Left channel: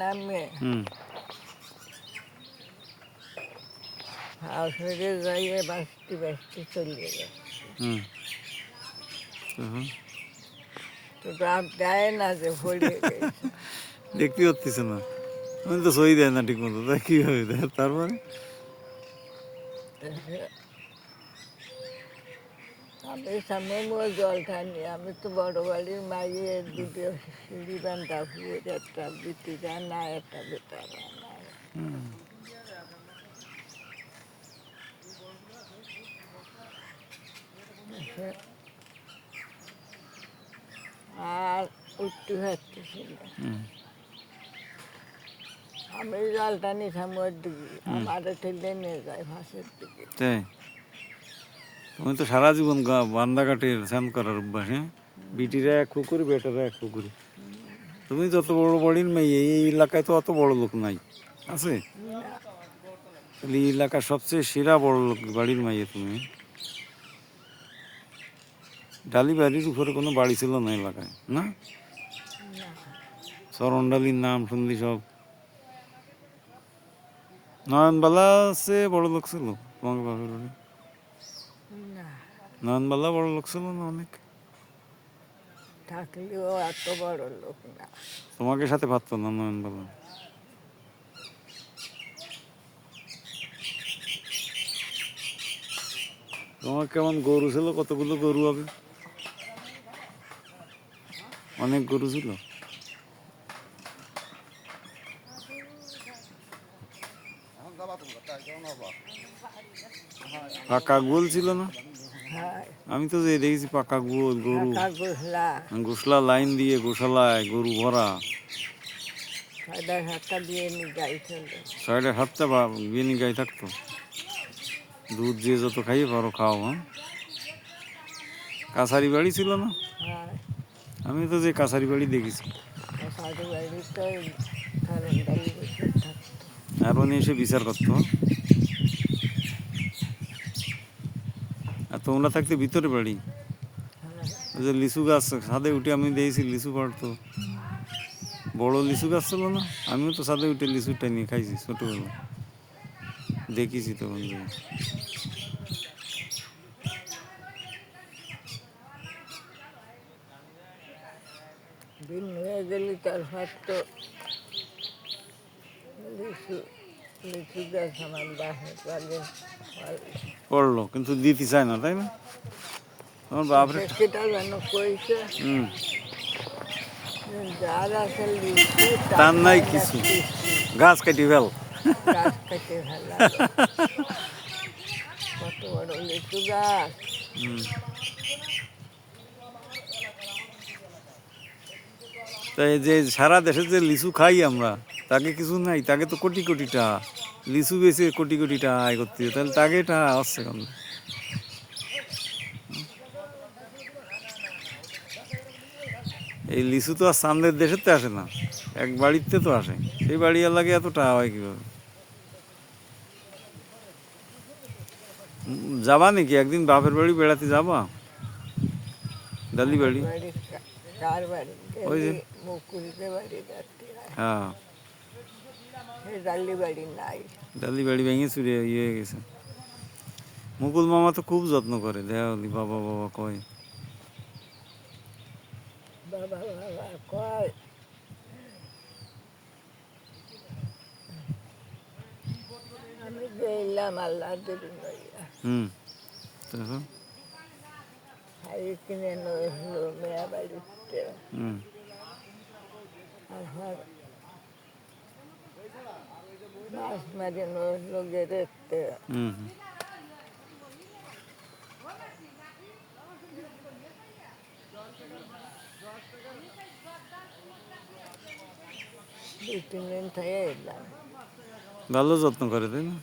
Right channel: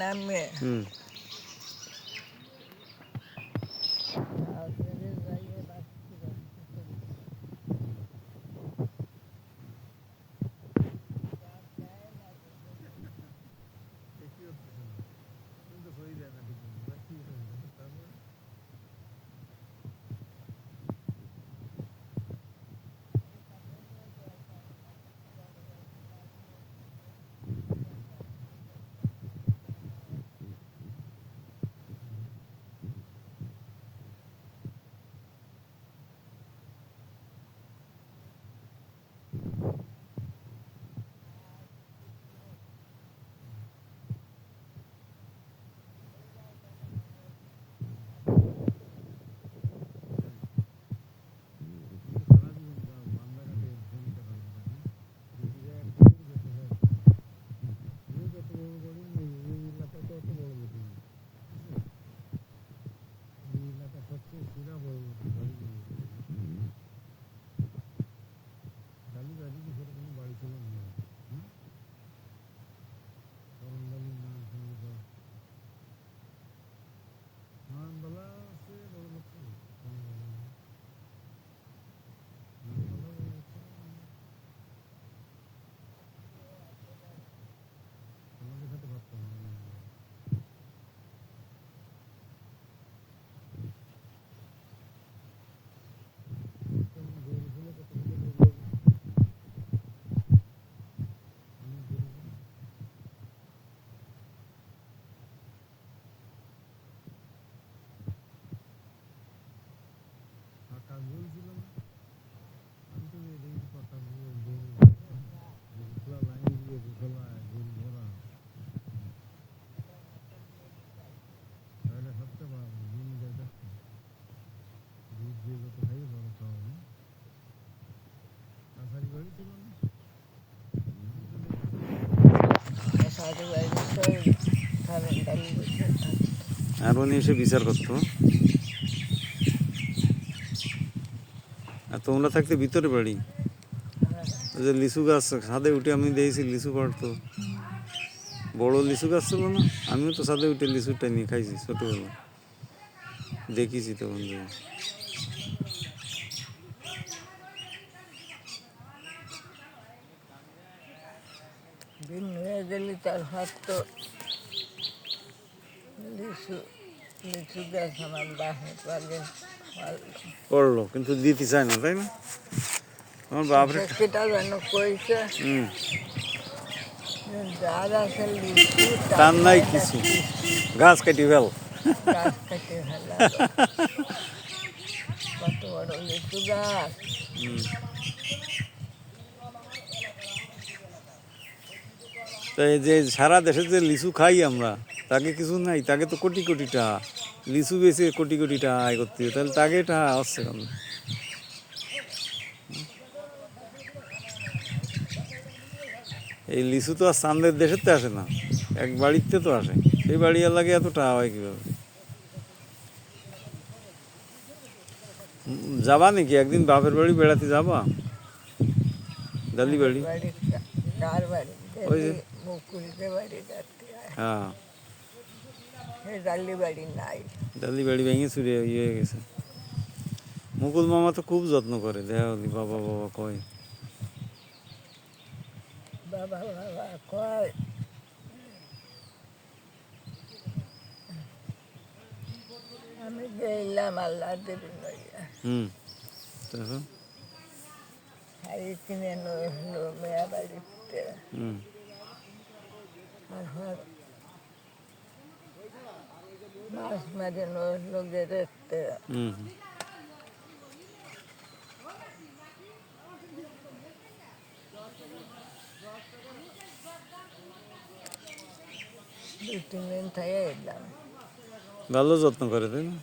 নামে হুম আপনাকে যাইয়ে বাঁচতে বাঁচতে চলে যায় হুম তখন তো রাত যায় না যে পড়ে গেছে দেখতে পাচ্ছিস না আমি তো সই দেয় না ঠিক মতো তাই কীভাবে দেয় তারপরে আমি সামনে জল খাইনি আমি তো বড় বাড়ির মাইয়ের দুটো সিঁড়ি বান্ধা ফুয়ে একটা বিটিরা না একটা বেটারা নাই আর উঠতে পারতেছিল আমি জালটা নিতাম ওর দিকে আমার টেনে নিয়ে যায় ফাঁসের দিকে তাই আমি তো সারা জীবন বান্দা কাটের স্নান করার অভ্যাস হ্যাঁ বিটিরা এক পুকুরি বেটারা এক পুকুরি তুমি যত বড় বাড়ির মেয়ে এই এলাকায় তো অত বড় লোক নাই আছে তাহলে এই এলাকার সবচেয়ে সেরা বড় লোক বাড়ির মাইয়ে তুমি ডালি বাড়ির উপরে কোনো বাড়ি ছিল না এলাকায় না চরণডালির নাম শুনলি সব নয়নবালা সে বড় লোক ছিল তোমাকে বাপের বাড়ি নয়নবালা বড় লোক ছিল না অনেক থাকলেও এত বড় লোক না তোমাকে সাথে পারতো না নয়নবালা তোমার কেমন গরু ছিল কতগুলো গরু হবে অনেক গরু ছিল পাকা গোল ছিল না আমি তো যে দেখেছি পাকা গোল গরু গোসলা লাইন দিয়ে গোশালায় গরু ভরা 7:30 দিয়ে গাই চলবে 7:30 বা বিয়ে গাই থাকতো দুধ দিয়ে যত খাইয়ে পারো খাও হ্যাঁ কাছারি বাড়ি ছিল না আমি তো যে কাছারি বাড়ি দেখেছি আর উনি এসে বিচার করতো আর তোমরা থাকতে ভিতরে বাড়ি ওই যে লিচু গাছ ছাদে উঠে আমি দেখেছি লিচু পাড়তো বড় লিচু গাছ ছিল না আমিও তো ছাদে উঠে লিচুটা নিয়ে খাইছি ছোটবেলা দেখেছি তখন দিন হয়ে গেলে তারপর তো লিচু লিচু গাছ আমার বাসের পালে পড়লো কিন্তু দিতে চায় না তাই না আমার বাপরে সেটা যেন কইছে যার আছে লিচু তার নাই কিছু গাছ কাটি ফেল গাছ কেটে ফেলা কত বড় লিচু গাছ তাই যে সারা দেশে যে লিচু খাই আমরা তাকে কিছু নাই তাকে তো কোটি কোটি টাকা লিচু বেছে কোটি কোটি টাকা আয় করতে হবে তাহলে তাকে টাকা আসছে কেন এই লিচু তো আর চান্দের দেশের তো আসে না এক বাড়িতে তো আসে সেই বাড়ি লাগে এত টাকা হয় কীভাবে যাবা নাকি একদিন বাপের বাড়ি বেড়াতে যাবা ডালি বাড়ি ওই যে হ্যাঁ ডালি বাড়ি নাই ডালি বাড়ি ভেঙে চুরে ইয়ে হয়ে গেছে মুকুল মামা তো খুব যত্ন করে দেখা বাবা বাবা কয় বাবা বাবা কয় আমি গেলাম আল্লাহ দেবী নইয়া তখন হাই কিনে নইলো মেয়া বাড়িতে মাছ মাঝে নইলো গেড়েতে ভালো যত্ন করে তাই না